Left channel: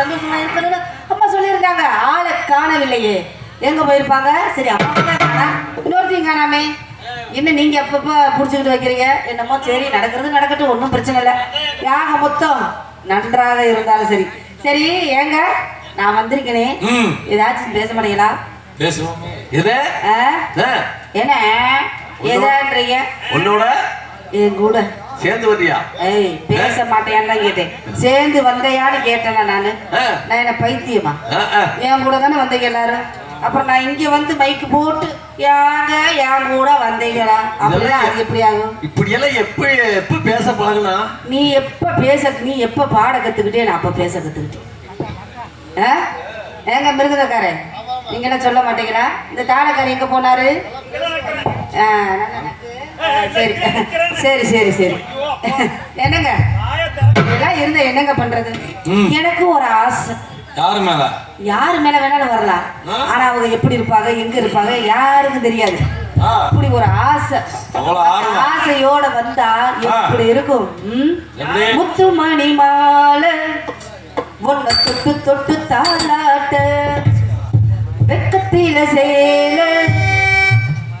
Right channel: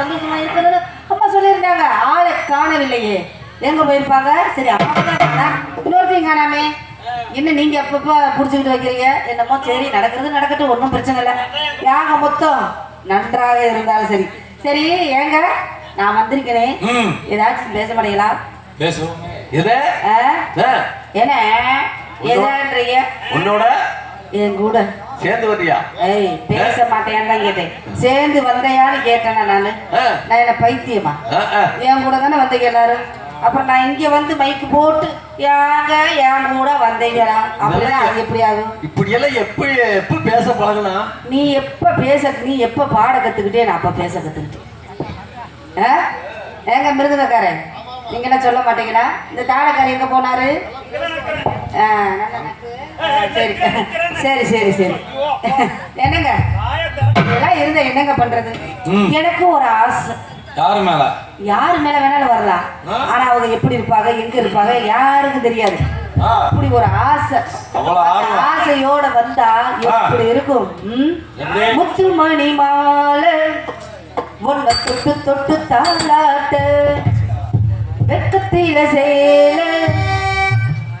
சந்தோஷமா இருக்கணும்னு அம்மா சொல்லியிருந்தாங்க. ஆளை காணவில்லையே, எங்க போயிருப்பாங்க? சரி அம்மா தான் இன்னொருத்தையும் காணாமே. என்ன நீங்க எப்பப்ப புடிச்சுக்கிட்டு வைக்கிறீங்க? என்னமோ சரி நடக்கிறது நடக்கட்டும், ஒன்றும் பிரச்சனை இல்லை. யாக மொத்தம் நன்றாக இருந்தாலும் சரி. சரி ஏங்க நான் வந்திருக்கேனே, ஏதாச்சும் பேச மாட்டீங்களா? என்ன எதான்றீங்க? உன்னோட என் கூட சேர்ந்து வந்தியா? ஏய் பேச மாட்டேன்னு தான் கேட்டேன். சேர்ந்து வந்தையான்னு கேட்டேனா நானு? நான் என்ன பைத்தியமா? என் கூட தானே வந்தீங்க எல்லாரும். அப்புறம் நான் இங்க வந்து மைக்கு போட்டு யாங்க என் கூட வந்தீங்களா? அப்படின்னா அது எப்படி ஆகும்? இப்படி எல்லாம் எப்ப பேச பழகுனா? நீ எப்ப பாட கத்துக்கிட்டே நான் அப்ப பேச கத்துக்கிட்டேன். ஏங்க மிருதக்காரன், நீங்க என்ன சொல்ல மாட்டீங்களா? இந்த தாளக்காரர் எங்க போனாரு? சரி சரி சரி சரி என்னங்க இதெல்லாம் இருந்த என்னங்க பண்றது? எனக்கு ஒரு ஆசை. யாரு மேல வேணாலும் வரலாம், ஆனா அவங்க எப்படி இருப்பாங்க எங்க இருப்பாங்க யாருக்கும் தெரியாது. அப்படி ஒரு ஆசை, ஆசையோட வந்தா எப்படி இருக்கும்? முத்துமணி மாலை ஒன்ன தொட்டு தொட்டு தாளாட்ட, வெக்கத்தில சேல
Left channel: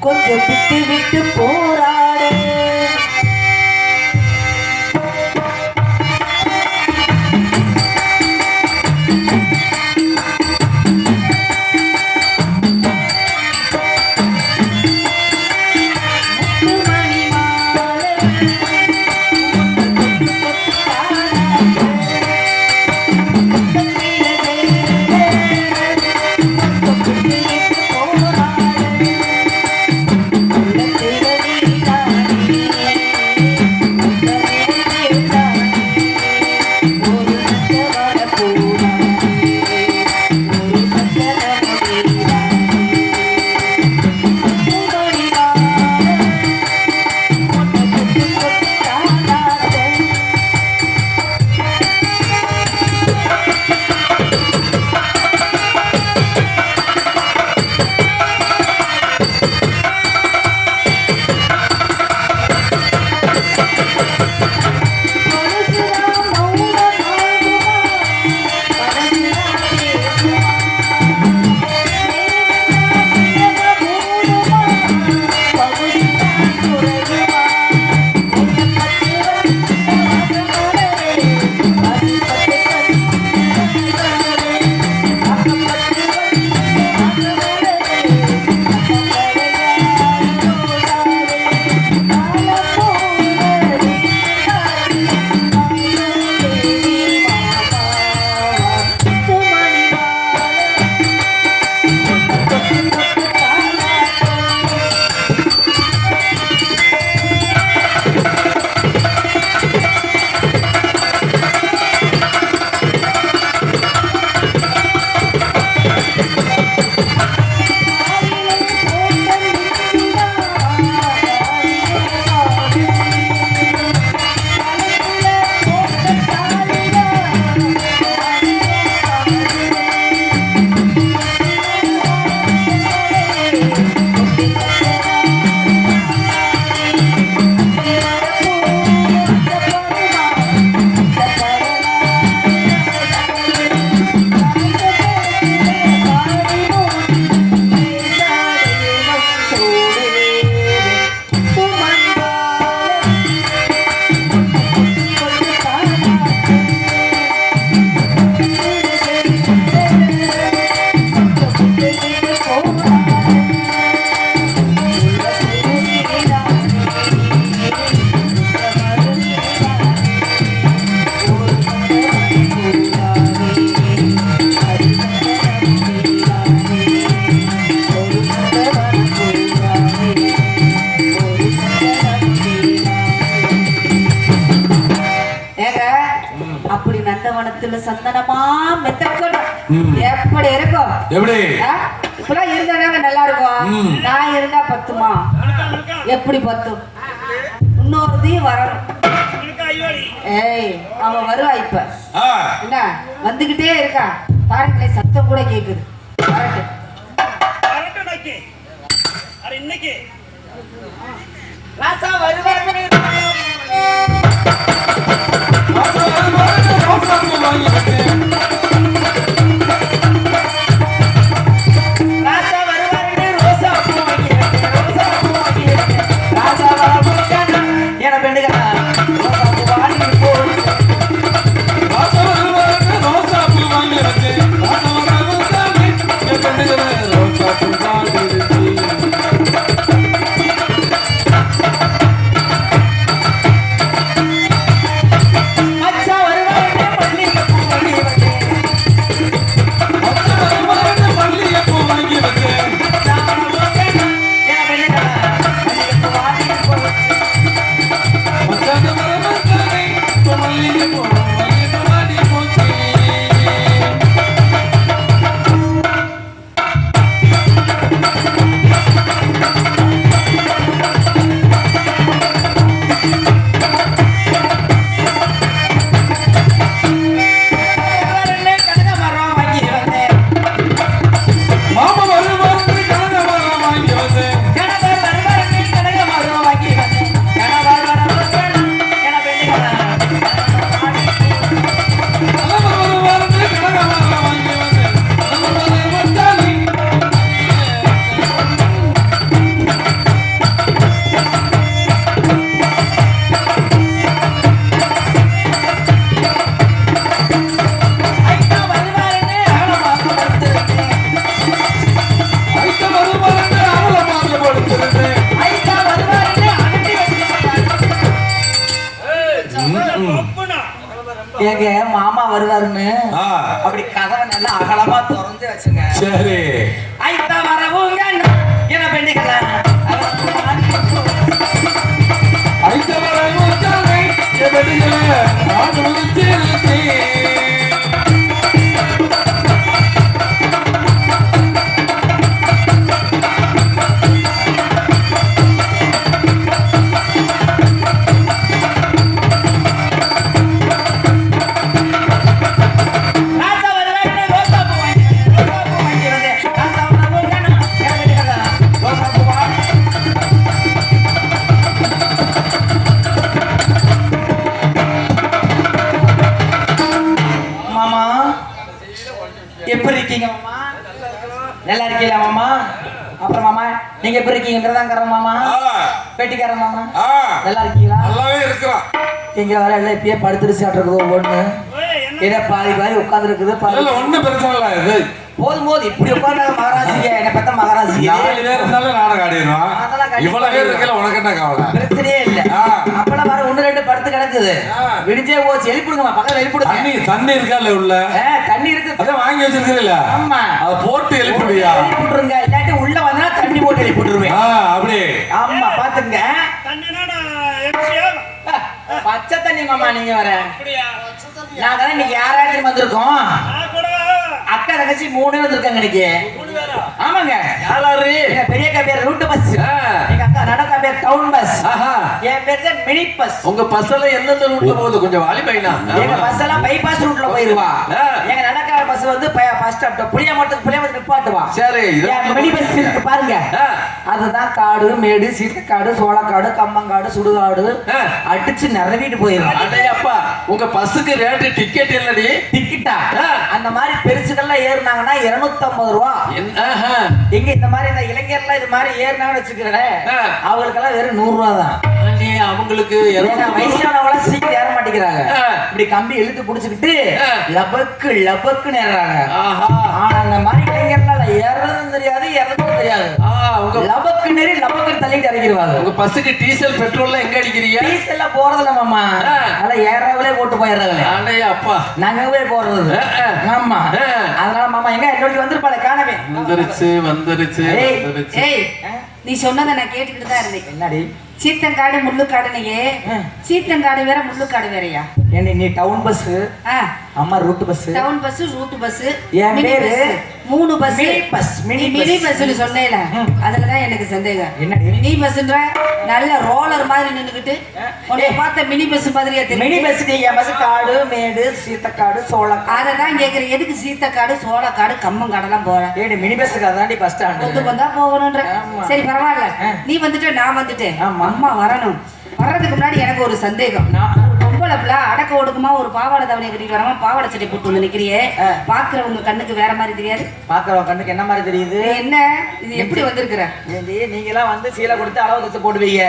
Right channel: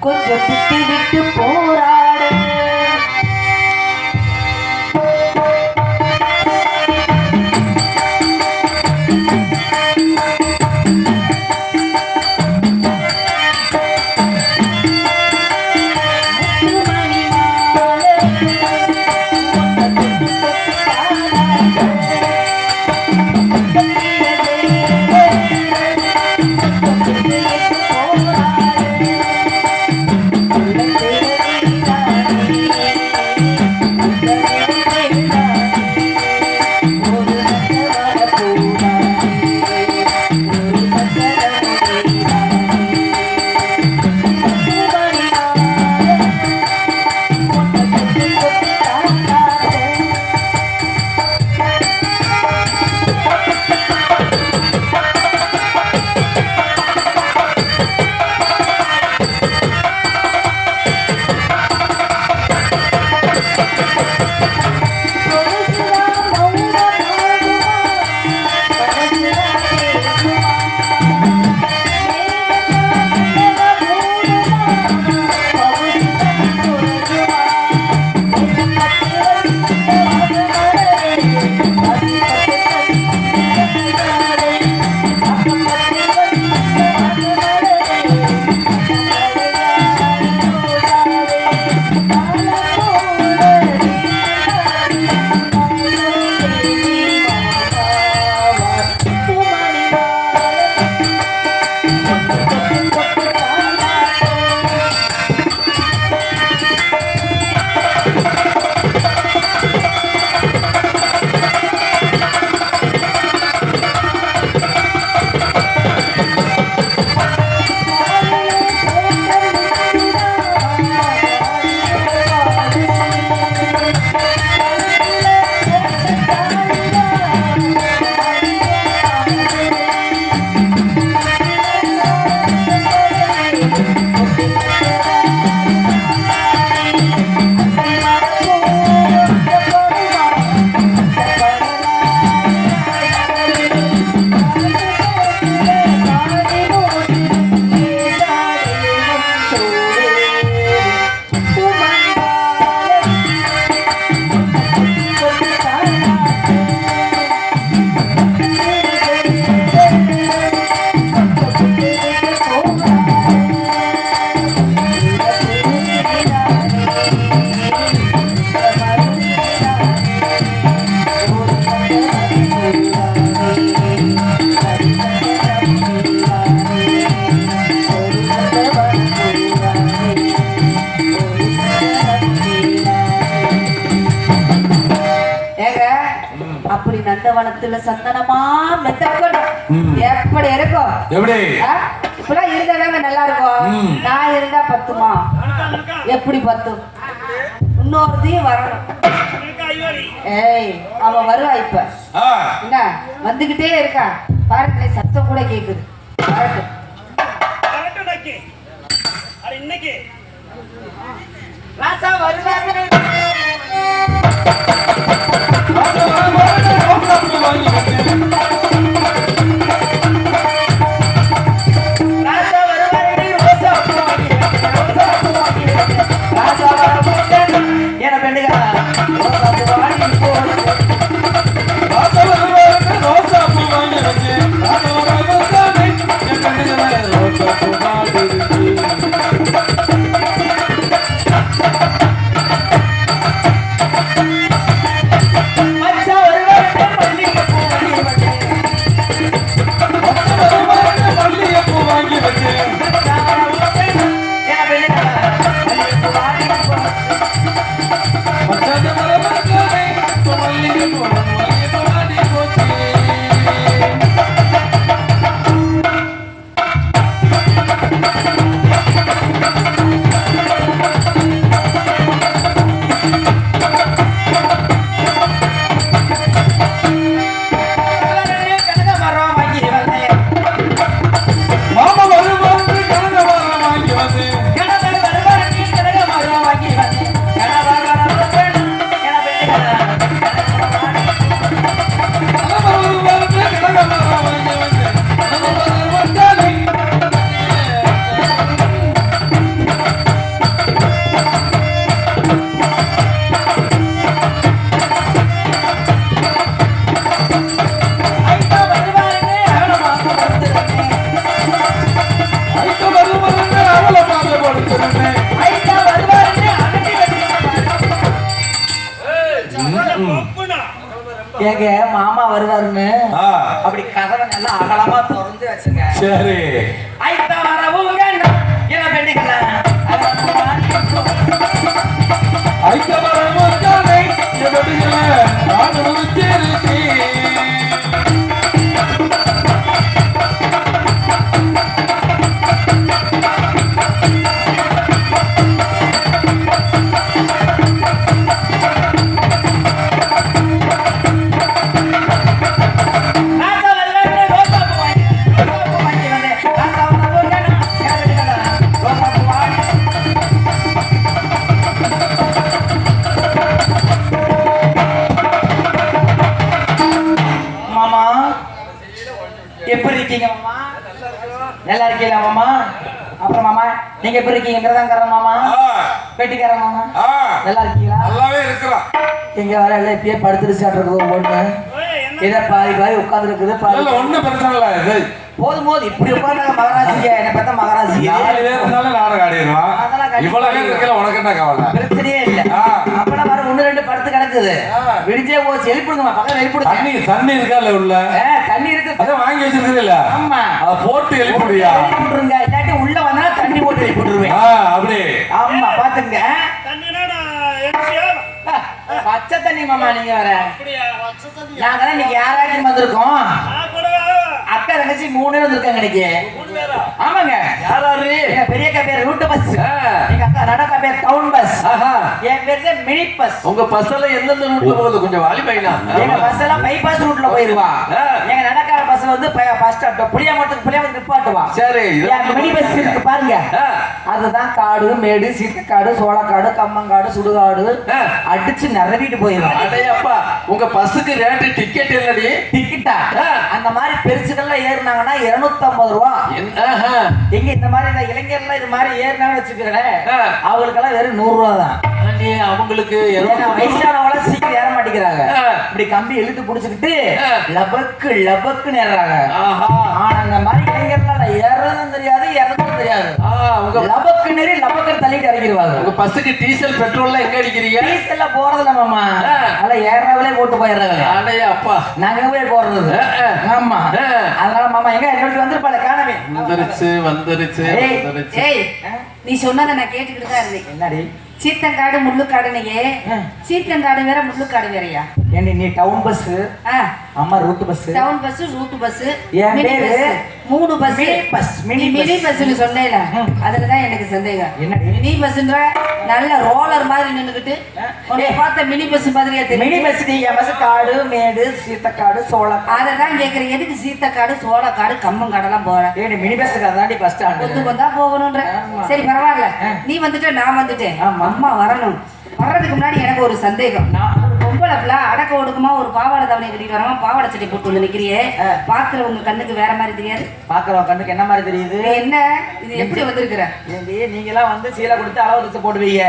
கொஞ்சம் விட்டு விட்டு போராட, நந்தவனத்துல சந்தனமா மெத்தக்கணும் எப்படி இருக்கும்? இப்பெல்லாம் இருந்தாதாங்க நல்லா இருக்கும். நான் இருந்தா பத்துமா? எப்படி பத்தும்? இன்னொருதையும் வரணும். ஏய் அவன் வருவா இப்ப என்ன வந்துகிட்டே இருக்கா பாருங்க, சத்தம் கூட கேக்குது. இன்னைக்கு ராசா வருவாங்க. எங்க மாமா வருவாருன்னு அப்படி கதவை நல்லா அகலமா திறந்து வச்சுங்க. சரி ஐத்தா வரவுங்க என்ன பெண்டிக்கல ஐத்த வரவுங்க என்ன பெண்டிக்கல நான் முடிச்சிருக்கேன். எப்படி இருக்கீங்க மாமா? நல்லா இருக்கீங்களா மாமா? அப்புறம் மாமா நீங்க எப்படி இருக்கீங்க? மிருதாங்கர மாமா, பேட்டிக்கார மாமா நல்லா இருக்கீங்களா? நல்லாவே இருக்கிறோம். இங்க வர எல்லாம் இப்பயே படுத்துருச்சாட்டு ஒண்ணு இதை பாதி பாதி உட்கார்ந்து இருக்குது. ஒண்ணும் பிரச்சனை இல்லை. இது போதும் போது இப்படி உட்கார்ந்து மகாராசிங்க என்ன பார்த்தா மகாராசிங்க 4 பேர் இருந்தாலும் நாடகம் ஆடிடுவான். இவ்வளவு பேர் இருக்கல உனக்கு என்ன கவலை? பிரச்சனையே இல்ல. அப்பெல்லாம் வர 1 2 படுத்து கிடக்குது. விடிஞ்சே போச்சு. எழுப்பிடுங்கம்மா, பக்கத்துல எழுப்பிடுங்க. தண்ணி இருக்கா உள்ள? தண்ணி இருக்கு. அதான் வாங்கி வச்சிருக்கீல்ல? ஆமா, அத போட்டு எழுப்பிடுயா. எழுப்பிடுங்க. இல்லாட்டி உள்ள வந்தா தண்ணி போட்டு எழுப்பிடுவேன். அப்படி. ஆமா, பாத்துங்க. தண்ணினா எம்சியா பச்சை தண்ணி மாமா. நீங்க வர நாங்க தான் இன்னைக்கு யாராச்சும் வந்திருக்கோம். அக்கா தங்கச்சி 3 வந்திருக்காங்க இன்னைக்கு. ஆமாங்க. யாராரு? எங்க பெரியக்கா பேர் ரூட் பஸ், எங்க அக்கா நடக்கா பேர் டவுன் பஸ், என் பேர் மினி பஸ். உங்க பஸ் எல்லாம் எந்தெந்த ரூட்ல போகுது? கொஞ்சம் வாலி பையனா. எங்க பஸ் எல்லாம் பைபாஸ் ரூட்ல போயிருவா. எங்க நடக்காத பஸ் வந்து பஸ் ஸ்டாப் புளியமரத்துக்கு நிப்பாட்டுவா. சரி. எங்க மினி பஸ் இருக்கு பாருங்க. அதுதான் காடு மேடு சீத்தக்காடு சோளக்காடு கம்மங்காடு சுடுகாடு அடிச்சு நிறவிட்டு போயிடும். அடையப்பா, உங்க பஸ்ஸுக்கு ரேட்டு டிக்கெட் இல்லடி? டிக்கெட்டா? அந்த மாதிரி பெருசுகள்லாம் ஏறினாங்கன்னா 250 ரூபா. எங்க இந்த மாதிரி இந்த இளைஞர்லாம் இது மாதிரி ஏறினாங்கன்னு வச்சுக்கிறேன், அவங்களுக்கெல்லாம் வெறும் 100 ரூபா தான். அவங்களுக்கு வயசானவங்கள சீக்கிரம் ஏற மாட்டேங்கிறாங்க. இப்படி கம்பி இழுத்து புடிச்சுக்கிட்டு லபக்கு லபக்குன்னு ஏறாங்க. ஆனா அந்த மாதிரி இளைஞர்லாம் ஏறதும் தெரியாது இறதும் தெரியாது. லபக்கு நெறி லபக்கு தள்ளிட்டு இறங்கிடுவாங்க. உங்க பஸ்ஸுக்கு டீசல் பெட்ரோல்லாம் எங்க அடிக்கிறீங்க? டீசல்ல போறதுல மாமா, அதெல்லாம் ஏறாவலே போட்டு போயிடுறாங்க. அடைய அப்பா, நாங்க போய் போறது. ஆமா, அதனால மாமா எங்க என்னோட வந்திருப்பாள காணவே. வந்துருச்சு. ஏய், நீ சொன்னதை நான் கேட்டுக்கிட்டு தான் இருந்தேன். என்னடி? சீத்தங்காடு முள்ளுக்காடுனையே. சீத்தங்காடு வேற முள்ளுக்காடு வேறயா? ஏண்டி நீ டவுன் பஸ், அம்மா route bus. Town bus route bus என் பேரு 3 பஸ். Mini bus. மினி பஸ்னு சொன்னேல, அதுலதான் எனக்கு சந்தேகம். என்னடி மினி பஸ்ன்ற நல்ல ரோலர் மாதிரி நின்னுக்கிட்டு உன்னை பார்த்த மினி பஸ் மாதிரியா தெரியும்? மினி பஸ் நீ என் பஸ் காடு மேடு சீத்தக்காடு சோளக்காடு. அததான் கேக்குறேன். எதுக்கு சீத்தக்காடு சோளக்காடு கம்மங்காடெல்லாம் போற? ஏடி மினி பஸ்ஸுக்கு அதாண்டி பஸ் ஸ்டாண்ட். கொஞ்சம் வந்தா போகணும்ன்ற. சரி பரவாயில்ல, நீ வந்துட்டு நான் வந்துட்டேன். அம்மா வரணும். வர்றதுக்கு முன்னாடி எனக்கு ஒரு சந்தேகம். பொம்பளை பிள்ளை அடக்க ஒடுக்குமா ஒரு பாவாடை தவணை கட்டிட்டு வராம பாவாடை சட்டை போட்டு வந்து நிக்கிறியே, பாக்குறவங்க கண்ணுக்கு வேற மாதிரி தெரியாது? பாக்குறவங்க கண்ணுக்கு என்ன மாதிரி தெரியுது? என்ன இது எப்படி வந்திருக்கிற? ஏண்டி நீங்க எல்லாம் வந்து சீலை கொடுத்து அளவு தச்சு போடுவீங்க.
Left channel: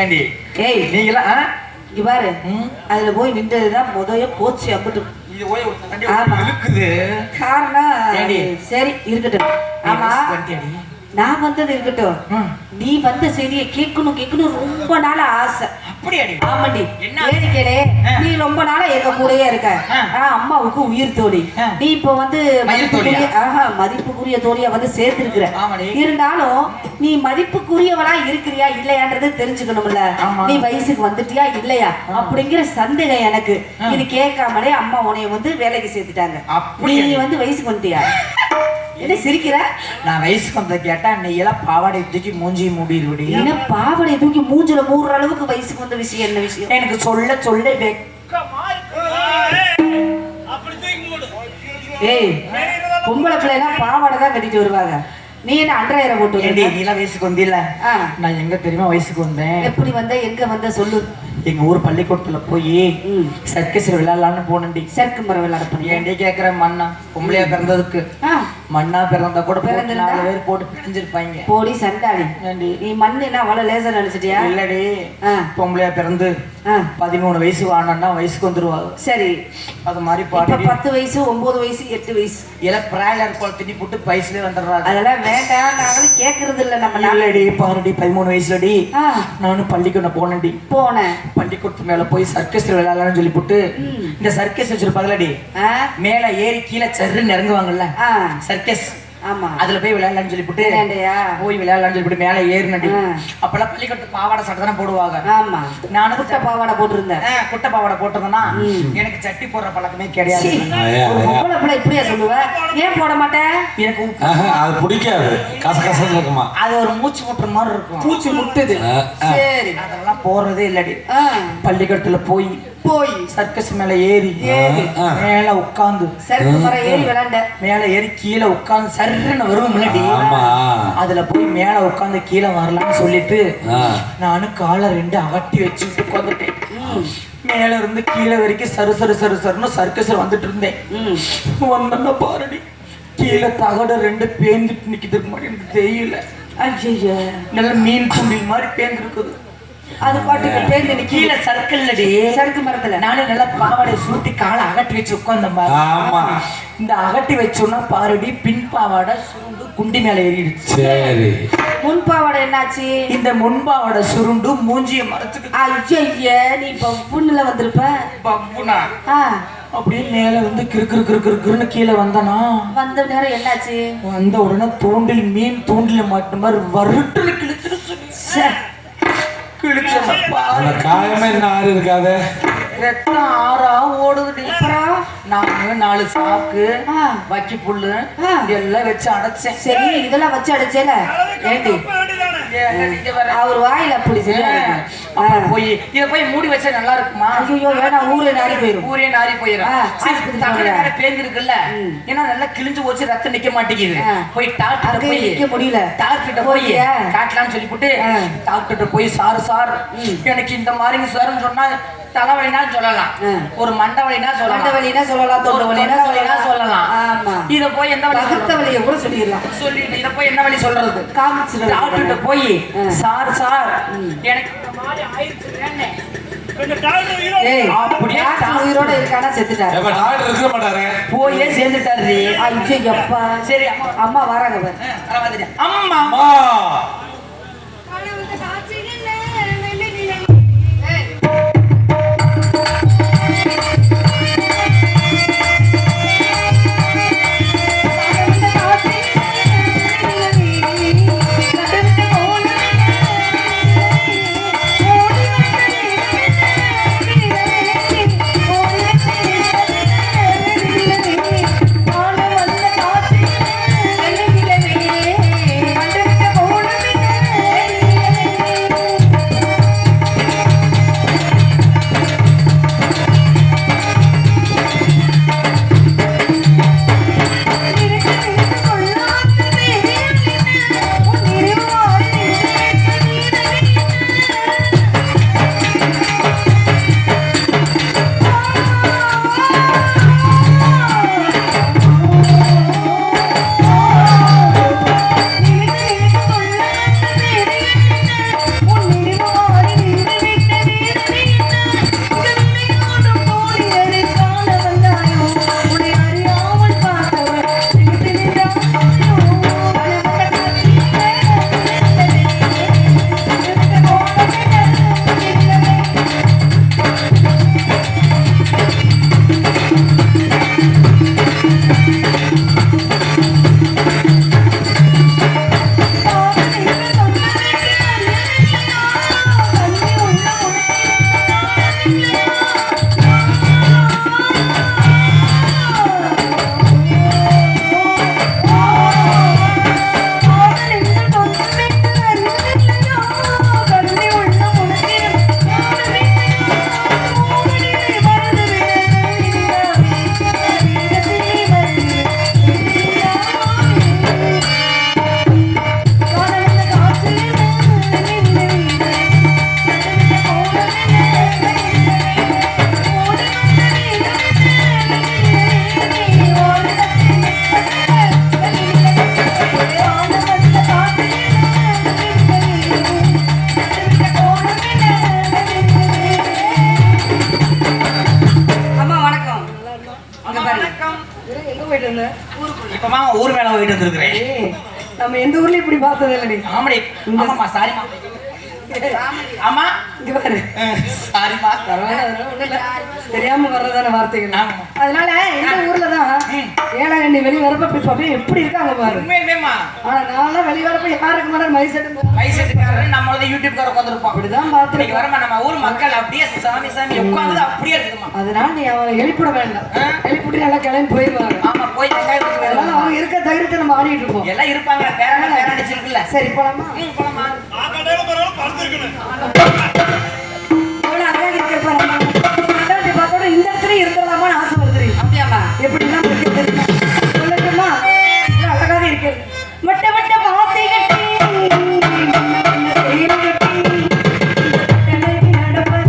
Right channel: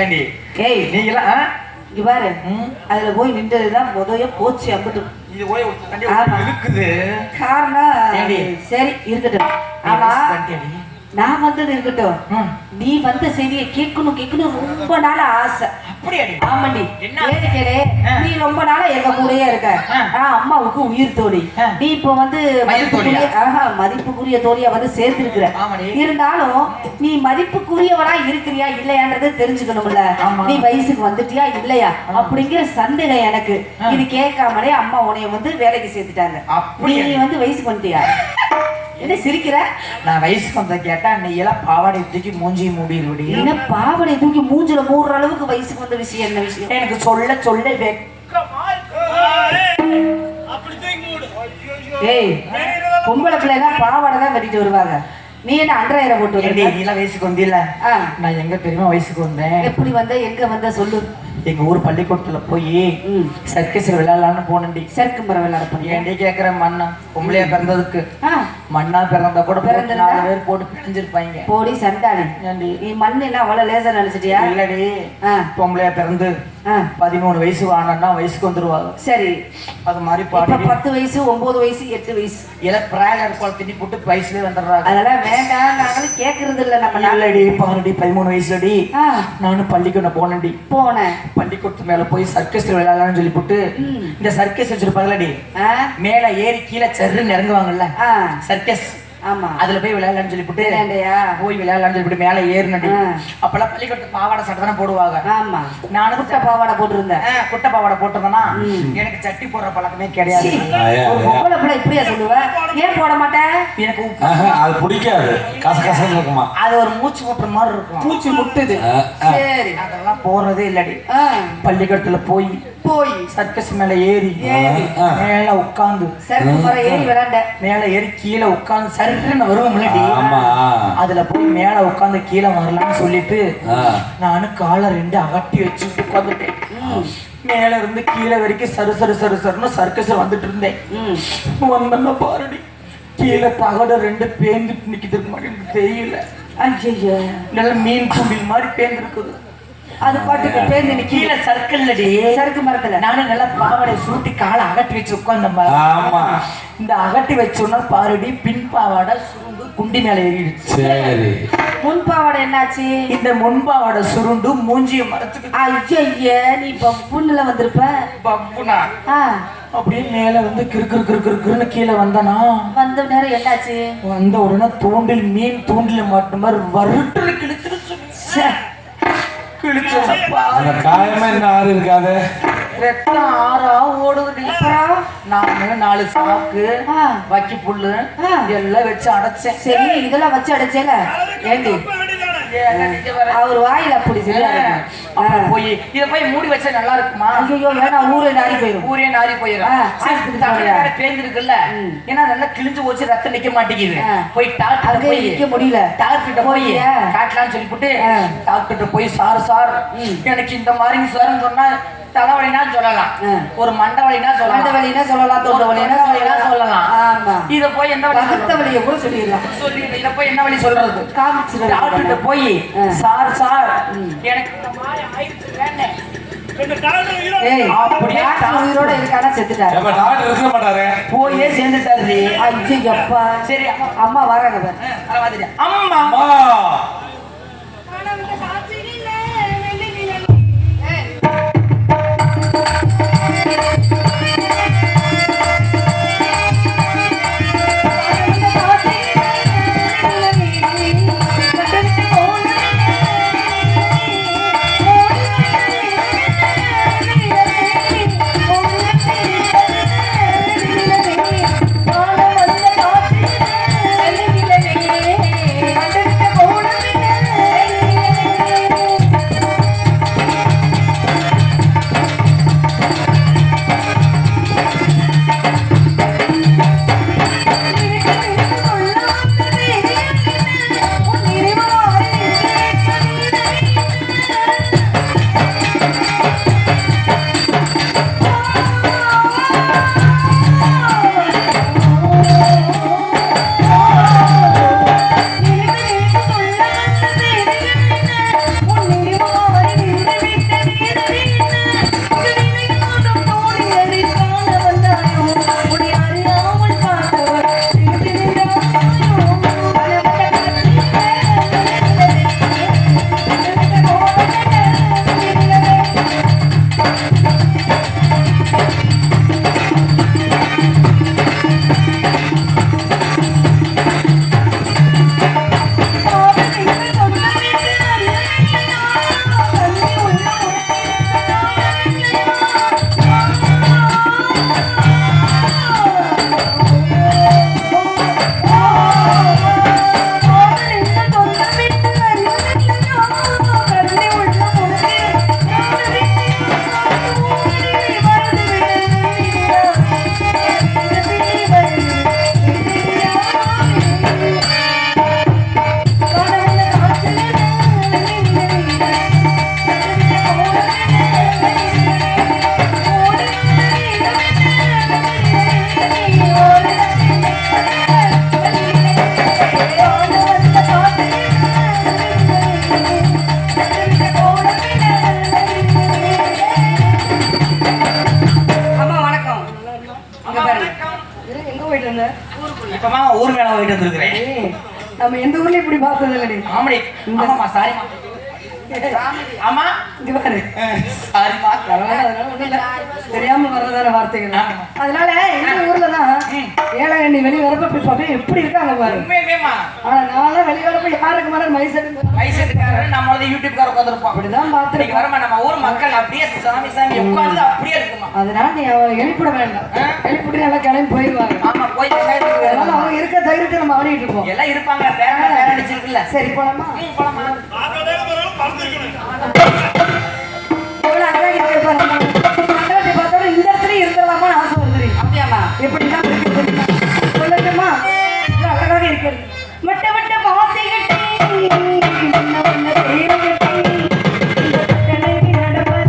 ஏண்டி ஏய் நீங்க எல்லாம் இங்க பாரு, அதுல போய் நின்றதுதான் முதல்ல போச்சு. அப்படி இது போய் இழுக்குது. காரணம் சரி இருக்கட்டும். ஆனா நான் வந்தது இருக்கட்டும், நீ வந்த செய்தியை கேட்கணும் ரொம்ப நாள் ஆசை. அப்படியாடி? ஆமாண்டி. என்ன? ஏடிக்கலே, நீ ரொம்ப நாளா எங்க கூடயே இருக்க. அம்மாவுக்கு உயிர் தோழி. நீ இப்போ வந்து மதிப்புக்குரிய தோழியா வந்து சேர்த்திருக்கிற. இருந்தாலும் நீ மதிப்புக்குரியவளா இருக்கிறியா இல்லையான்றது தெரிஞ்சுக்கணும்ல. நீ வயசுக்கு வந்துட்டியா இல்லையா அப்படிங்கிற சந்தேகம் எனக்கு. இது கேட்காமலே அம்மா உன்னைய வந்து வேலைக்கு சேர்த்துட்டாங்க. நீ வந்து வயசுக்கு வந்துட்டியா? என்ன சிரிக்கிற? நான் வயசுக்கு வந்த கேட்டா நீ எல்லாம் பாவாடை தூக்கி மூஞ்சி மூடிடுடி. என்ன பாவாடை தூக்கி மூஞ்சில மூடுற அளவுக்கு வயசுக்கு வந்த விஷயம் என்ன விஷயம்? எனக்கு சொல்ல ஏய், பொம்பளை பிள்ளைலாம் பாவாடை தான் கட்டிட்டு வருவாங்க. நீ என்ன அண்டரையரை போட்டு நீ எல்லாம் வயசுக்கு வந்தில்ல? நான் எங்க தெரியுமா வயசுக்கு வந்தேன்? எப்படி வந்த, எங்க வந்த சொல்லு. எங்க ஊர் பள்ளிக்கூடத்துல போய் சர்க்கஸ் விளையாடலான்னு போனேன்டி. சர்க்கு முறை விளையாட போனேன். ஏன்டி கேக்குற? மண்ணா பொம்பளையா பிறந்ததுக்கு மண்ணா பிறந்தா கூட 4 பேர் போட்டு பிடிஞ்சிருப்பாங்க. போடி சண்டாளி. நீ மண் என்ன அவ்வளவு லேசா நினைச்சிட்டியா? இல்லடி, பொம்பளையா பிறந்து 13 வயசு வானா வயசுக்கு வந்துருவாங்க. சரி, அது மாதிரி பாட்டு 10 வயசு 9 வயசு 8 வயசு எல்லாம் பிராயலர் பால் திணி போட்டு வயசுலயே வந்துடுறாங்க. அதெல்லாம் வேண்டாம், நாங்களும் கேட்கறது இல்ல. நம்ம நல்லடி பாருடி 13 வயசுலடி நானும் பள்ளிக்கூடம் போனேன்டி. போனேன். பள்ளிக்கூடத்து மேல போய் சர்க்கஸ் விளையாடலாம்னு சொல்லி போட்டு இந்த சர்க்கஸ் வச்சிருப்பாங்களடி, மேல ஏறி கீழே சர்ன்னு இறங்குவாங்கல்ல சர்க்கஸ். ஆமா, அதுல போய் விளையாடலாம்னு சொல்லி போட்டு போய் விளையாடலாம்னு சொல்லி மேல ஏறினடி. அப்பெல்லாம் பள்ளிக்கூடத்து பாவாடை சட்டை தானே போடுவாங்க. ஆமா, நானும் குட்டை பாவாடை போட்டிருந்தேன். குட்டை பாவாடை போட்டிருந்தேன்னா எனக்கு சட்டி போடுற பழக்கமே கிடையாது. இப்படியா சொல்லுவேன்? ஏன் போட மாட்டேன்? எனக்கு அது பிடிக்காது, கசகசன்னு இருக்குமா. அது ஒரு மூச்சு முட்டுற மாதிரி இருக்கும். மூச்சு முட்டுது. சரி, அதெல்லாம் போறதே இல்லடி. பள்ளிக்கூடத்துல போய் சர்க்கஸ் மேல ஏறி மேல உட்கார்ந்து மேல ஏறி கீழே உட்கார்ந்து சர்ன்னு வரும் முன்னாடி அதுல போய் மேல உட்கார்ந்து கீழே வரலாம்னு சொல்லிட்டு நானும் காலை 2 அகட்டி வச்சு உட்காந்துட்டேன். மேல இருந்து கீழே வரைக்கும் சருன்னு சர்க்கஸ் வந்துட்டு இருந்தேன். வந்தோம்னா பாருடி, கீழே தகடு 2 பேந்துட்டு நிக்கிது மாதிரி எனக்கு தெரியல. நல்ல மீன் துண்டில் மாதிரி பேந்து இருக்குது. அது பாட்டுக்கு பேருந்து கீழே சர்க்கிள்லடி, சறுக்கு மரத்துல நானும் நல்லா பாவாடை சூட்டி காலை அகட்டி வச்சு உட்கார்ந்த. இந்த அகட்டி வச்சோன்னா பாருடி, பின் பாவாடை சுருண்டு குண்டி மேல ஏறிடுச்சு. சரி, முன் பாவாடை என்னாச்சு? இந்த முன் பாவாடை சுருண்டு மூஞ்சிய மரத்துக்கு. ஐயா, நீ புண்ணுல வந்திருப்ப. பப்புனா அப்படியே மேல வந்து கிறுன்னு கீழே வந்தனா. வந்த நேரம் என்னாச்சு? வந்த உடனே தூண்டில் மீன் தூண்டில மாட்டு மாதிரி வறுட்டு கிழிச்சிருச்சு. காயமே என்ன ஆறு இருக்காது, ரத்தம் ஆறா ஓடுது. நான் 4 சாக்கு வக்கி புல்லு எல்லாம் வச்சு அடைச்சேன். சரி, இதெல்லாம் வச்சு அடைச்சேல ஏண்டி? அவர் வாயில அப்படி போய் இத போய் மூடி வச்சா நல்லா இருக்குமா? ஐயோ வேணாம், ஊரே நாரி போயிடும். பேஞ்சு இருக்குல்ல, ஏன்னா நல்லா கிழிஞ்சு போச்சு, ரத்தம் நிக்க மாட்டேங்குது. போய் டாக்டர் போய் நிக்க முடியல. டாக்டர் போய் காட்டலாம்னு சொல்லி போட்டு டாக்டர் போய் சார் எனக்கு இந்த மாதிரி சார்ன்னு சொன்னா தலைவலினா சொல்லலாம், ஒரு மண்டவலினா சொல்லலாம், தொண்டை வலினா சொல்லலாம். இத போய் என்ன பகுத்த வலியை கூட சொல்லிடலாம். இத போய் என்ன வலி சொல்றது? காமிச்சு டாக்டர் போய் சார் எனக்கு இந்த மாதிரி ஆயிடுச்சு வேணே. உயிரோட இருக்கானா செத்துட்டாரு. போயே சேர்ந்துட்டாரு. சரி, அம்மா வராங்க. அம்மா Thank you. போயிட்டு வந்த இப்ப மாமா ஊர் மேல போயிட்டு வந்திருக்கிறேன். ஏய், நம்ம எந்த ஊர்ல இப்படி பார்த்தது இல்லடி ஆமாடி ஆமாமா சாரிமா ஆமா இங்க பாரு சாரிமா பரவாயில்ல, அதனால ஒண்ணும் இல்ல. தெரியாம வர்றதான வார்த்தைகள் அதனால எந்த ஊர்ல தான் ஏழகண்ணி வெளிய வரப்ப இப்படி பாப்பே எப்படி இருக்காங்க பாரு உண்மையுமேமா. ஆனா நான்லாம் வெளிய வரப்ப யாருக்கு மேல மைசெட் வயசுக்காரர் நம்மள யூடியூப்காரர் வந்திருப்போம். அப்படிதான் பார்த்து இன்னைக்கு வரமா நம்ம ஊர் மக்கள் அப்படியே சாமி சாமி உட்கார்ந்து அப்படியே இருக்குமா. அதனால நீ அவங்களை எழுப்பிட வேண்டாம் எழுப்பிட்டு நல்லா கிளம்பி போயிடுவாங்க ஆமா போயிட்டு அதனால அவங்க இருக்க தைரியத்தை நம்ம ஆடிட்டு இருப்போம் எல்லாம் இருப்பாங்க. பேர அடிச்சிருக்குல்ல. சரி போலாமா போலாமா. ஆகடையில பரவாயில்ல பறந்துருக்கணும். எவ்வளவு அழகா இருக்கு பாருங்க கண்டாட்டி பார்த்தோட இந்த இடத்துல இருந்துடலாமான்னு ஆசை வருது அப்படியாமா எப்படிலாம் இருக்கு தெரியுமா சொல்லட்டுமா இது அழகாக இருக்கிறது மட்ட மட்ட பாத்தி கட்டி வண்ண வண்ண தேர் கட்டி இந்த கட்டளை நடப்பது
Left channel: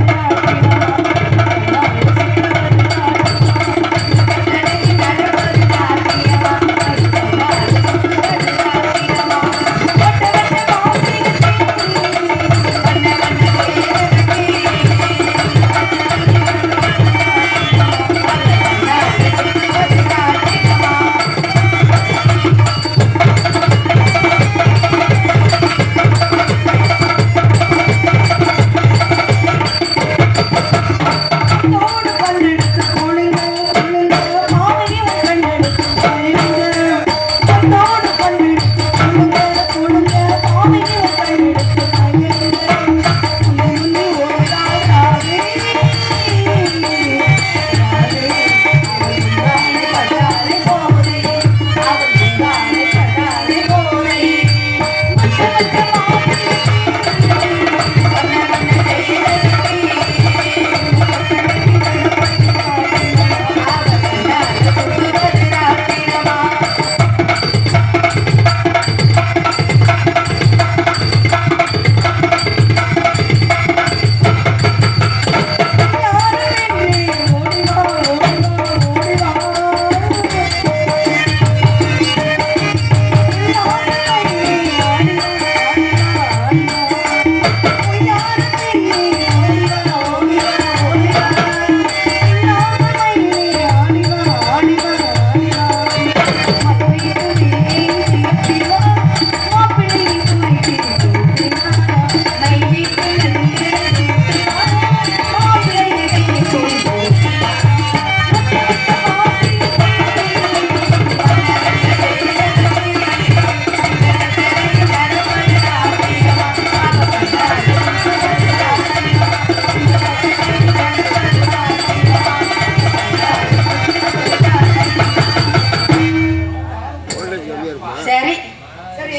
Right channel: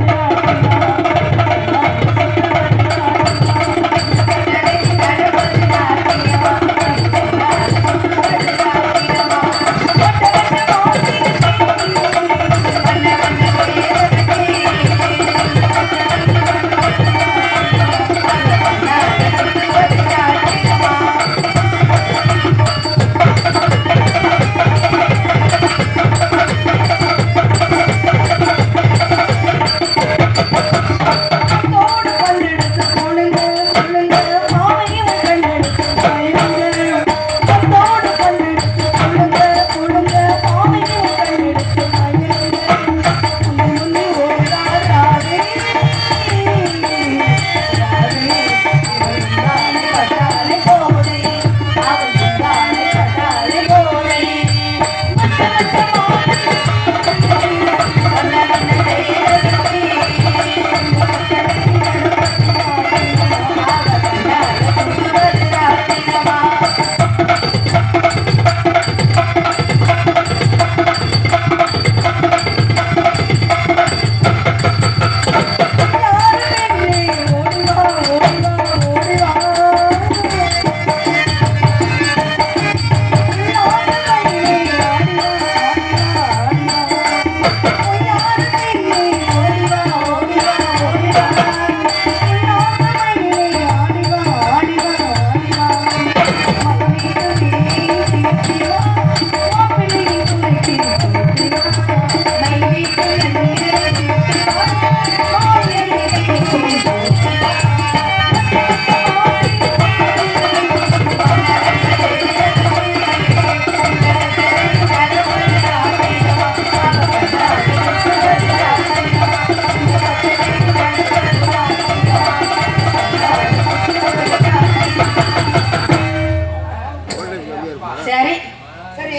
சரி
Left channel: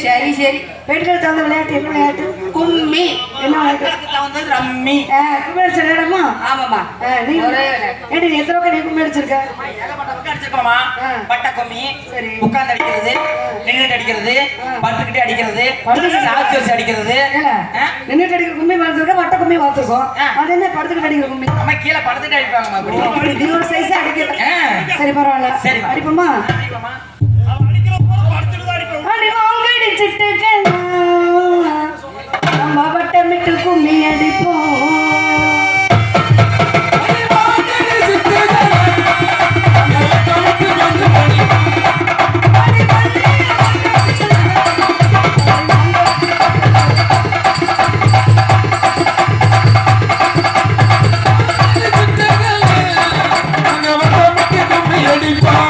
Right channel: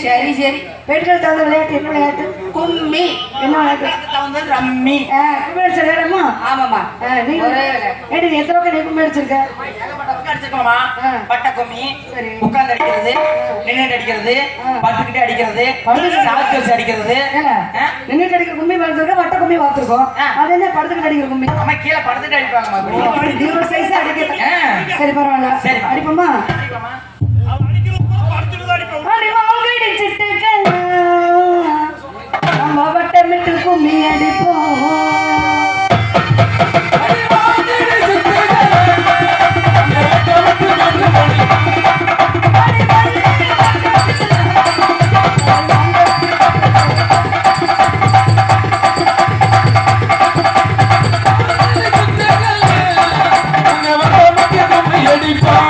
சரி சரி பெட்ரோல் தகுந்த விளையாட்டு என்ன விளையாட்டு கும்மி என்ன விளையாட்டு ரம்மி கும்மி அடிச்ச விளையாடுமா ஆமாமா நீ ஏடி எத்தனை பக்கம் நீ கும்மி அடிச்சிருக்க ஏகப்பட்ட பக்கம் அடிச்சிருக்கோமா. பட்டை கும்மி சரி உட்கார்ந்து அடிக்கிறது நின்னுட்டு அடிக்கிறது படுத்துக்கிட்டே அடிக்கிறது சாட்சி வச்சு அடிக்கிறது. நின்னுட்டு அடிக்கிற கும்மி பார்த்துருக்க வட்ட கும்மி பார்த்துருக்கோம் அது என்ன படுத்துக்கிட்டு அடிக்கிற கும்மி அம்மா கீழே படுத்துட்டு அடிப்பாங்கம்மா. அப்படி நீ ஒரு சைஸ் அடிக்கிறது சரி பரவாயில்ல சரி அடிப்போமா அவன் அடிக்கிற போது படுத்துட்டு தான் அடிப்பான். அடிச்சிட்டு நம்ம வட்டமிட்டு கும்மி அடிப்போம் அங்க வட்டமிட்டு கும்மி அடிப்பான்.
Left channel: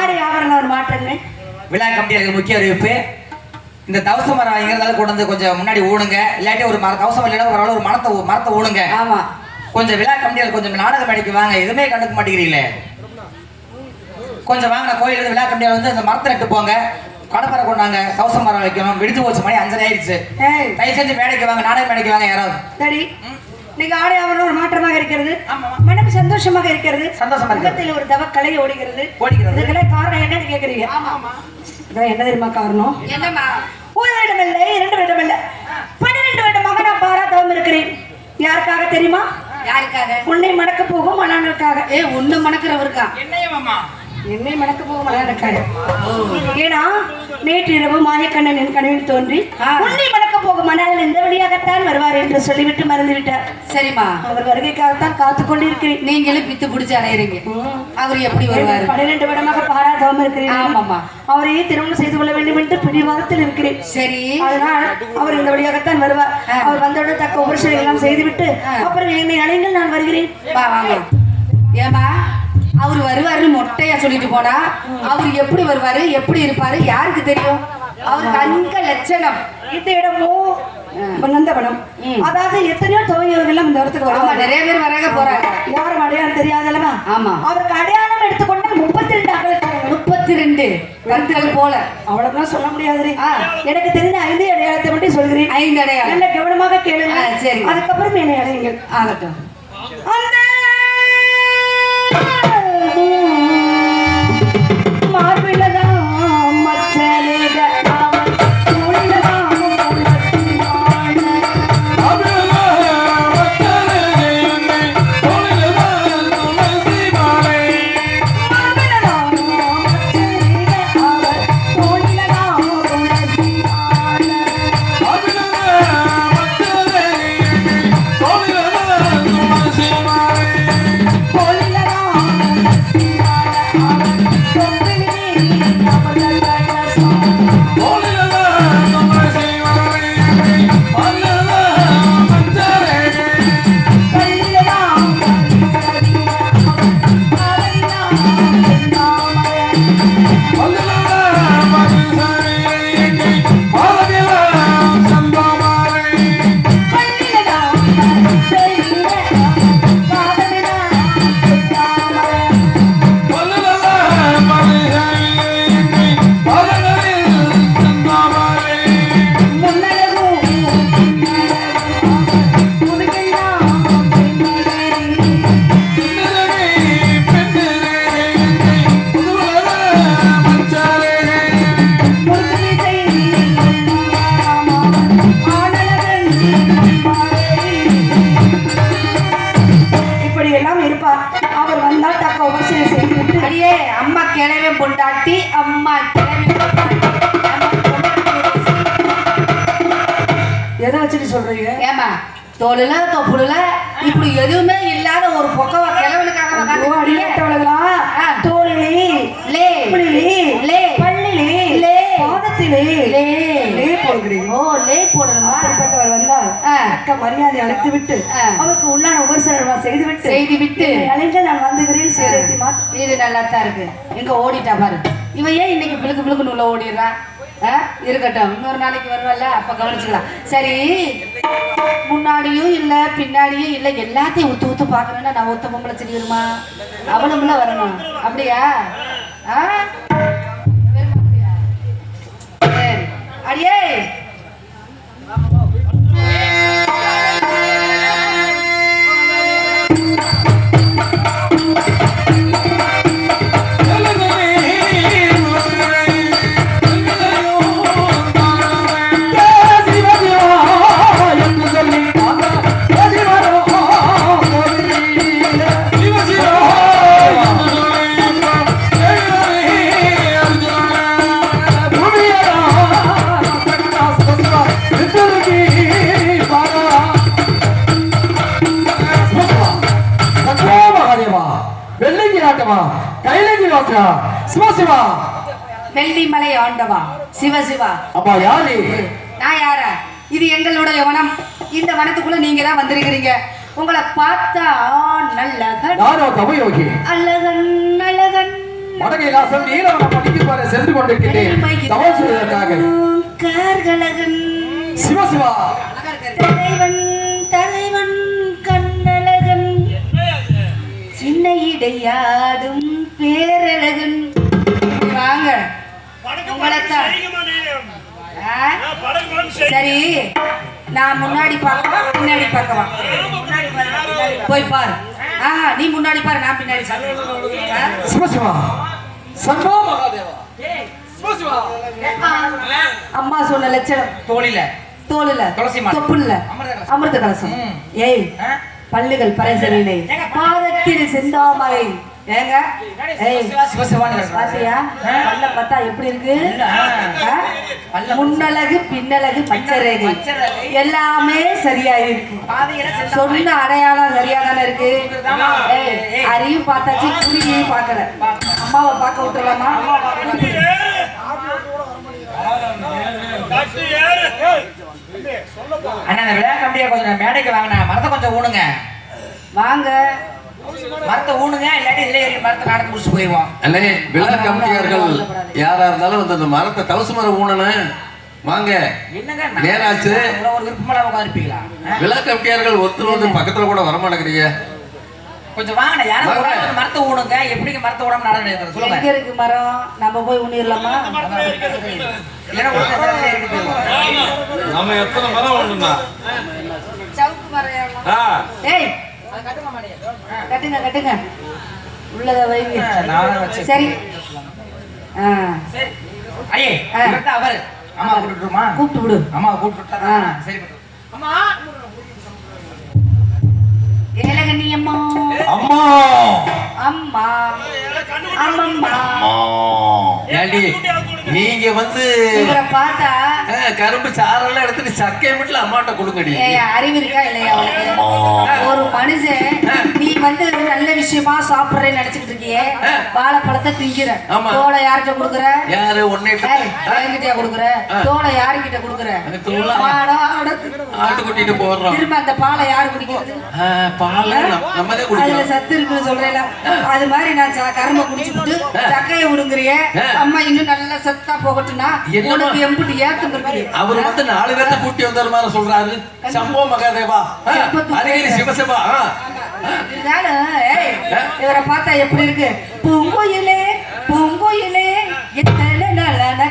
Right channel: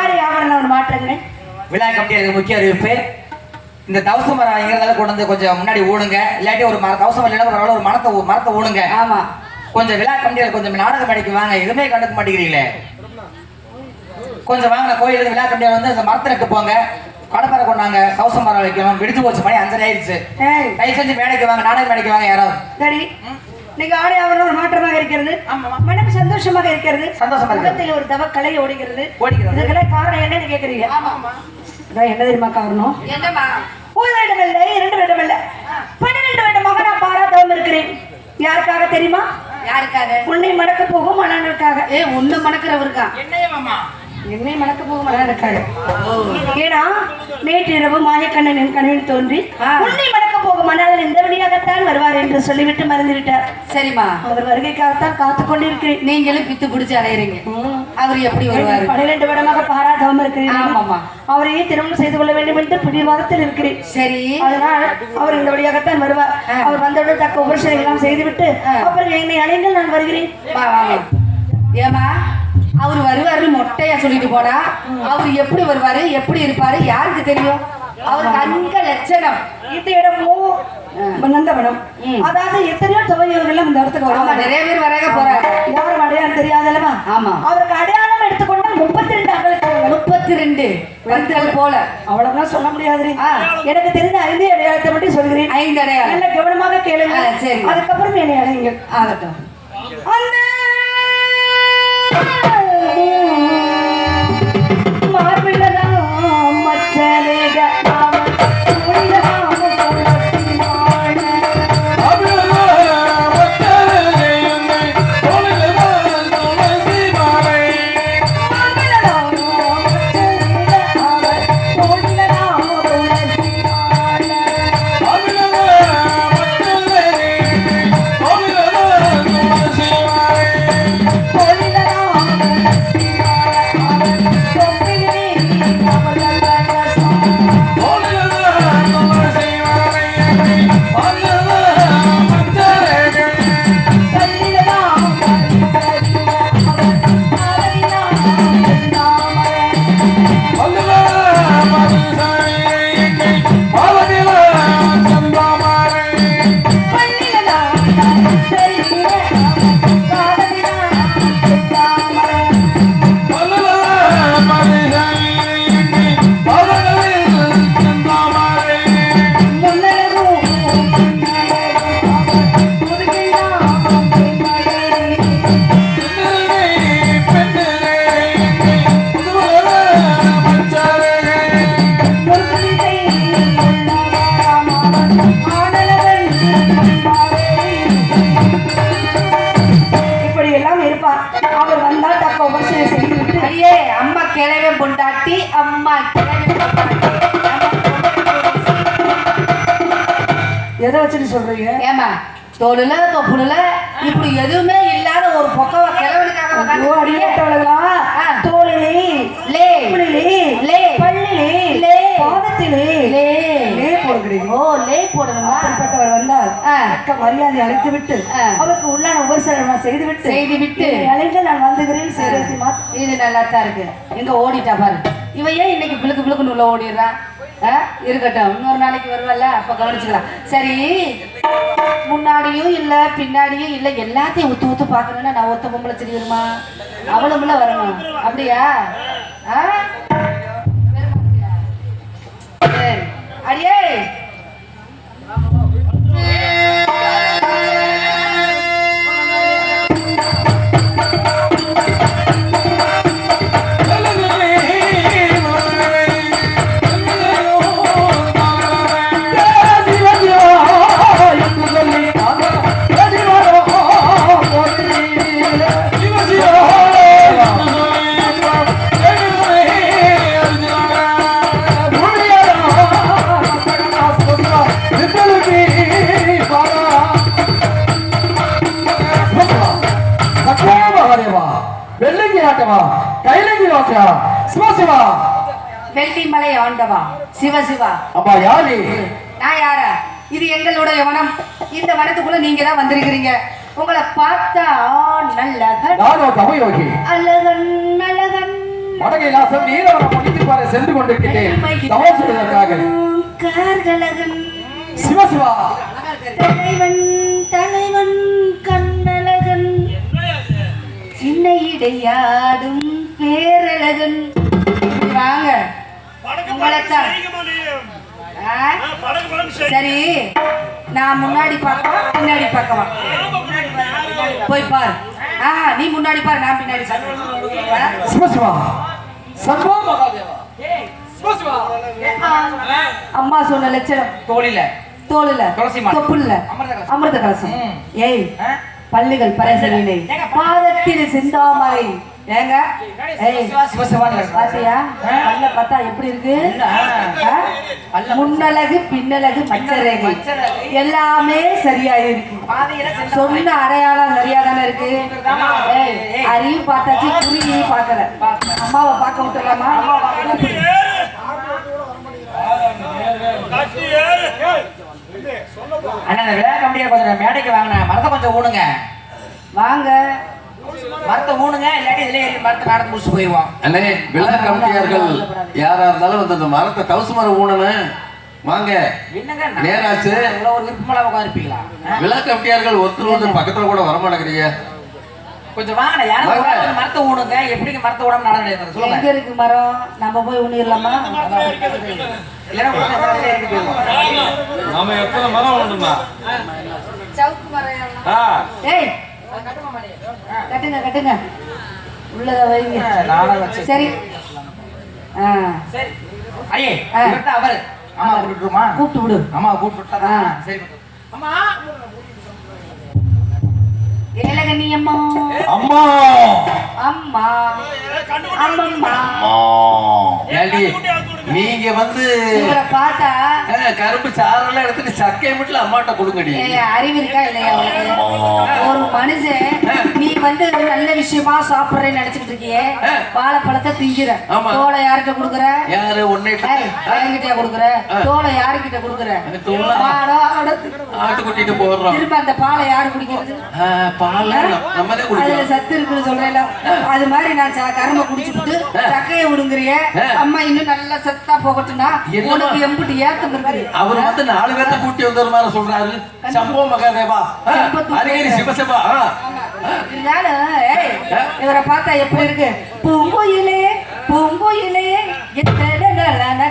ஆடி ஆவரண ஒரு மாற்றங்கள். விழா கமிட்டியாளருக்கு முக்கிய அறிவிப்பு. இந்த தவச மரம் எங்கிறதால கொண்டு வந்து கொஞ்சம் முன்னாடி ஊடுங்க. இல்லாட்டி ஒரு தவசம் இல்லைன்னா ஒரு மரத்தை ஊடுங்க. ஆமா, கொஞ்சம் விழா கமிட்டியாளர் கொஞ்சம் நாடக மேடைக்கு வாங்க. எதுவுமே கண்டுக்க மாட்டேங்கிறீங்களே. கொஞ்சம் வாங்கின கோயிலுக்கு விழா கமிட்டியாளர் வந்து அந்த மரத்தை நட்டு போங்க. கடப்பாறை கொண்டாங்க. தவச மரம் வைக்கணும். விடுத்து போச்சு, மணி 5:30 ஆயிடுச்சு. தயவு செஞ்சு மேடைக்கு வாங்க, நாடக மேடைக்கு வாங்க யாராவது. சரி, நீங்க ஆடி ஆவரணம் ஒரு மாற்றமாக இருக்கிறது. மனக்கு சந்தோஷமாக இருக்கிறது. சந்தோஷமா இருக்கு. ஒரு தவ கலை ஓடுகிறது. ஓடுகிறது. காரணம் என்னன்னு கேக்குறீங்க? என்ன தெரியுமா காரணம்? என்னமா? ஒரு வருடம் இல்லை, 2 வருடம் இல்லை, 12 வருடமாக நான் பாராட்டவும் இருக்கிறேன். யாருக்காக தெரியுமா? யாருக்காக? உன்னை மணக்க போகும் மணனுக்காக. உன்னை மணக்கிறவருக்கா? என்னை மணக்க போகும் மணனுக்காக. ஏன்னா நேற்று இரவு மாயக்கண்ணன் என் கனவில் தோன்றி உன்னை மணக்க போகும் மணல் இந்த வழியாகத்தான் வருவார் என்று சொல்லிவிட்டு மறந்து விட்டார். சரிம்மா, அவர் வருகைக்காகத்தான் காத்து கொண்டிருக்கிறேன். நீங்களும் பித்து பிடிச்சு அடையிறீங்க. அவர் எப்படி வருவார்? 12 வருடமாக பாராட்டவும் இருக்கிறேன். ஆமாமா, அவரையே திருமணம் செய்து கொள்ள வேண்டும் என்று பிடிவாதத்தில் இருக்கிறேன். சரி, அதனால் அவர் இந்த வழியாகத்தான் வருவார். அவர் வந்தவுடன் தக்க உபரிசனை எல்லாம் செய்துவிட்டு அப்புறம் என்னை அழைங்கள், நான் வருகிறேன். ஏமா, அவர் வருவாருன்னு மொட்டையா சொல்லிட்டு போனா அவர் எப்படி வருவாரு, எப்படி இருப்பாரு யாருக்கு தெரியும்? அவருக்கு அங்க லட்சணம். இந்த இடமும் நந்தவனம், அதாவது எத்தனையோ துவையர்கள் இந்த இடத்துக்கு வருவாங்க. நிறைய பேர் வராங்க போறாங்க. யாரும் அடையாளம் தெரியாதல்லவா? ஆமா, அவருக்கு அடையாளம் எடுத்துக்கொண்டா 32 அகலுக்கு 32 கருத்துகள் போல அவ்வளவுதான் சொல்ல முடியாது. எனக்கு தெரிஞ்ச 5 அடையாளத்தை மட்டும் சொல்கிறேன். 5 அடையாளம் நல்ல கவனமாக கேளுங்க. சரி, அதுக்கப்புறம் என்னை அடையுங்க. ஆகட்டும். அந்த எதை வச்சுட்டு சொல்றீங்க? ஏமா, தோலுல தொப்புல இப்படி எதுவுமே இல்லாத ஒரு பொக்கவ கிழவனுக்காக தோலிலே லே லே பள்ளிலே லே பாதத்திலே லே லே போடுறீங்க. ஓ, லே போடணுமா? அப்படிப்பட்டவர் வந்தால் அக்க மரியாதை அழைத்து விட்டு அவருக்கு உள்ளான உபசரணம் செய்துவிட்டு அழைத்து நான் வந்துகிறேன். இது நல்லா தான் இருக்கு. எங்க ஓடிட்டா பாரு. இவ ஏன் இன்னைக்கு பிளுக்கு பிளுக்குன்னு உள்ள ஓடிடுறான்? இருக்கட்டும், இன்னொரு நாளைக்கு வருவாள்ல, அப்ப கவனிச்சுக்கலாம். சரி, முன்னாடியும் இல்ல பின்னாடியும் இல்ல, எல்லாத்தையும் ஊத்து ஊத்து பாக்கணும்னா நான் ஒத்த பொம்பளை செடி வருமா? அவளுக்குள்ள வரணும். அப்படியா? அடியே வெள்ளிமலை ஆண்டவா சிவசிவா. அப்பா யாரு? நான் யாரா? இது எங்களுடைய வனம். இந்த வனத்துக்குள்ள நீங்க தான் வந்திருக்கிறீங்க. உங்களை பார்த்தா நல்லகன் அழகன் அழகன் வடகைலாசம் நீலவரம் அடிக்குமாறு சென்று கொண்டிருக்கிறேன் தவம் செய்வதற்காக. கார்கலகன் சிவசிவா தலைவன் தலைவன் கண்ணழகன் சின்ன இடையாடும் பேரழகன் வாங்க படகு உங்களைத்தான். செய்யுமா நீ? ஆ? படகு செய். சரி நான் முன்னாடி பார்க்கவா பின்னாடி பார்க்கவா போய் பாரு நீ முன்னாடி பாரு நான் பின்னாடி பார்க்கறேன். சிவசிவா சர்வ மகாதேவா அம்மா சொன்ன லட்சணம் தோழில தோலுல துளசி மாலை. தொப்புல அமிர்த கலசம். அமிர்த கலசம் ம். ஏய் ஆ? பல்லுகள் பரசவில்லை பாதத்தில் செந்தாமரை ஏங்க ஏய் சிவசிவான்னு பாத்தியா பல்ல பார்த்தா எப்படி இருக்கு ஆ. ஆ? முன்னழகு பின்னழகு மச்சரேகை மச்சரேகை. எல்லாமே சரியா இருக்கு பாதையில சென்ற சொன்ன அடையாளம் சரியா தானே இருக்கு ஏய், அரியும் பார்த்தாச்சு புரியும் பார்க்கல அம்மாவை பார்க்க விட்டுலாமா கட்டு ஏறு. கட்டு ஏறு. அண்ணா இந்த விழா கம்பியா கொஞ்சம் மேடைக்கு வாங்கினா மரத்தை கொஞ்சம் ஊனுங்க வாங்க மரத்தை ஊனுங்க இல்லாட்டி இதுல ஏறி மரத்தை நடந்து முடிச்சு போயிடுவோம். அண்ணே விழா கமிட்டியார்கள் யாரா இருந்தாலும் வந்து இந்த மரத்தை தவசு மரம் ஊனணும் வாங்க என்னங்க நேராச்சு. இவ்வளவு ஒரு விருப்பமெல்லாம் உட்காந்துருப்பீங்களா? விழா கமிட்டியார்கள் ஒருத்தர் வந்து பக்கத்துல கூட வர மாட்டேங்கிறீங்க. கொஞ்சம் வாங்க யாரும் வாங்க. ஒரு மரத்தை ஊனுங்க. எப்படிங்க மரத்தை ஊடாம நடந்து சொல்லுங்க. எங்க இருக்கு மரம் நம்ம போய் உண்ணிடலாமா இல்லைன்னா உடனே இந்த இடத்துல இறங்கி போயிடுவோம். நாம எத்தனை மரம் ஒண்ணுமா சவுக்கு மரம் ஏய் கட்டுங்க கட்டுங்க உள்ளத வைங்க நானும் வச்சு. சரி சரி ஐயே ஆ. இவர்தான் அவரு. அம்மா கூப்பிட்டுருமா? கூப்பிட்டு விடு அம்மா கூப்பிட்டு ஆ. சரி அம்மா ஏலகண்ணி அம்மா அம்மா அம்மா கண்ணு அம்மம்மா ஏண்டி நீங்க வந்து இவரை பார்த்தா கரும்பு சாரெல்லாம் எடுத்துட்டு சக்கையை மட்டும் அம்மாட்ட கொடுங்கடி. அறிவு இருக்கா இல்லையா உனக்கு ஒரு மனுஷன் நீ வந்து நல்ல விஷயமா சாப்பிடுறேன்னு நினைச்சிட்டு இருக்கியே வாழைப்பழத்தை திங்கிற ஆமா. தோலை யார்கிட்ட கொடுக்குற யாரு ஒன்னே என்கிட்ட கொடுக்குற தோலை யாருக்கிட்ட கொடுக்குற அந்த தோலை? ஆட்டு கூட்டிட்டு போடுறோம். திரும்ப அந்த பாலை யாரு குடிக்கிறது பால் நம்ம தான் அதுல குடிக்கிறோம். சத்து இருக்குன்னு சொல்றேன் அது மாதிரி நான் கரும்பை குடிச்சுட்டு சக்கையை விடுங்கிறிய அம்மா இன்னும் நல்லா சத்தா போகட்டும்னா என்னம்மா? உனக்கு எம்பிட்டு ஏத்தம் இருக்குது அவர் வந்து 4 பேர்த்த கூட்டி வந்து ஒரு மாதிரி சொல்றாரு. சம்போ மகாதேவா அரிகரி சிவசிவா. இருந்தாலும், ஏய், இவரை பார்த்தா எப்படி இருக்கு பூங்குயிலே பூங்குயிலே எத்தனை நலன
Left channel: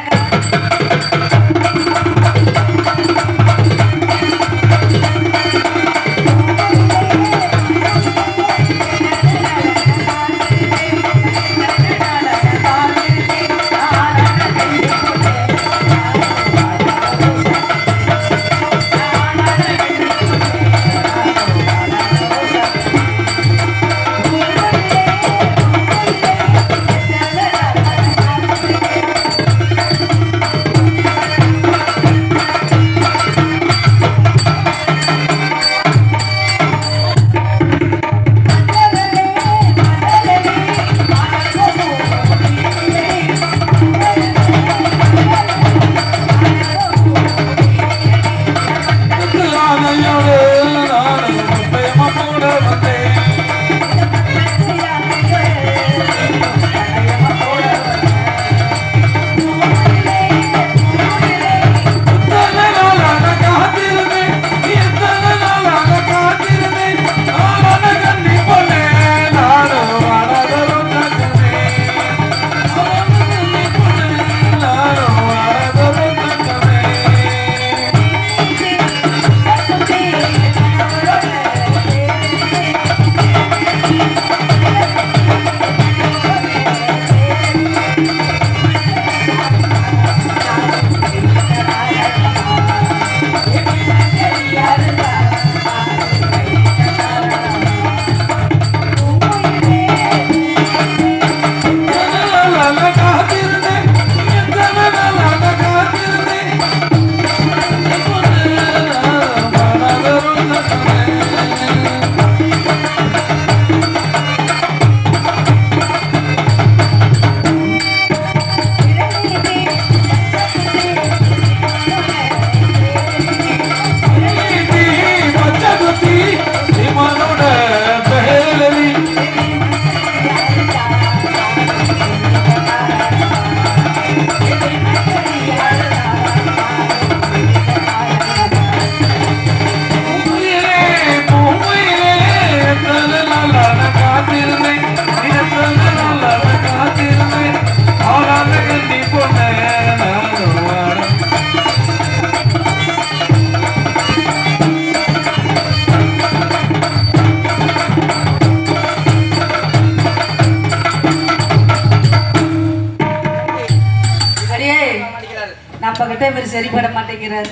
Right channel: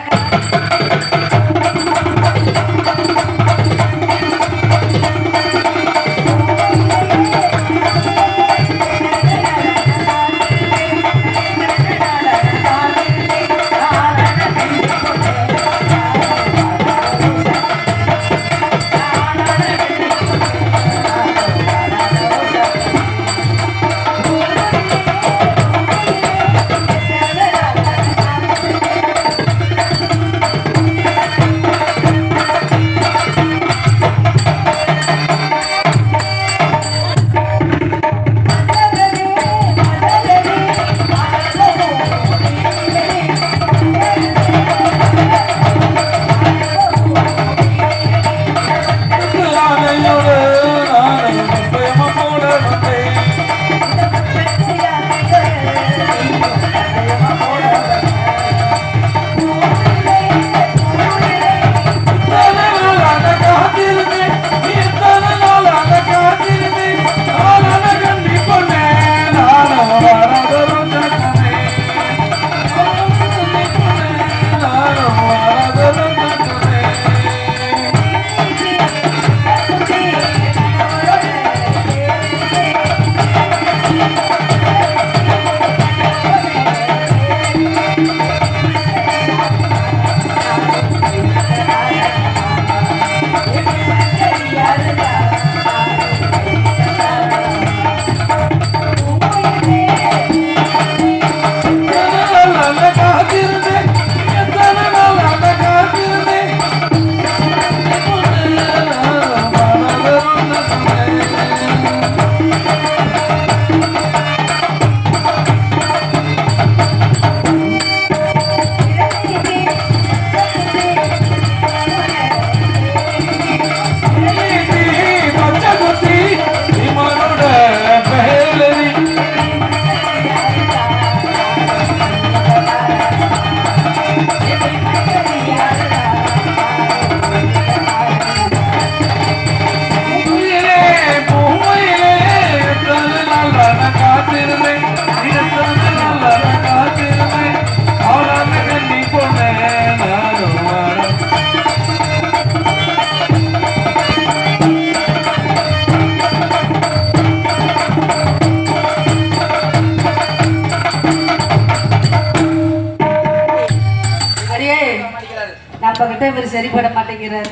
மட்டும் இவர் சரிப்பட மாட்டேங்கிறாரு.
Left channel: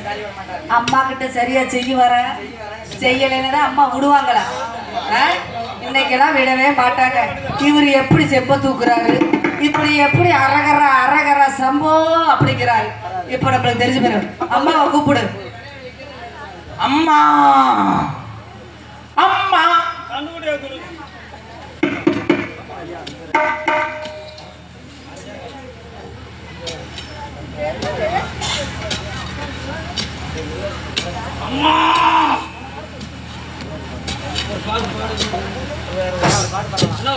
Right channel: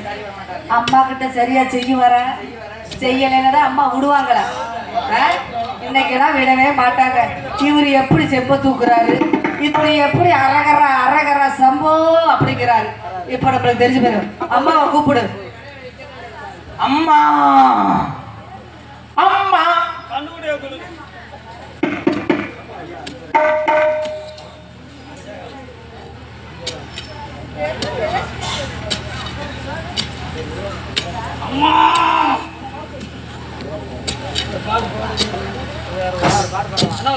அம்மா கிட்ட சரியா செய்ய வர செய்யலைன்னா அம்மா விடுவாங்களா? இன்னைக்கெல்லாம் விடவே மாட்டாங்க. இவர் எப்படி செப்ப தூக்குறாரு, இப்படி எப்படி அரகரா அரகரா சம்போ அப்படிங்கிறாரு. இப்ப நம்மளுக்கு தெரிஞ்சு போயிடும். அம்மாவை கூப்பிடு. அம்மா அம்மா கண்ணுடைய குரு அம்மா ஹலோ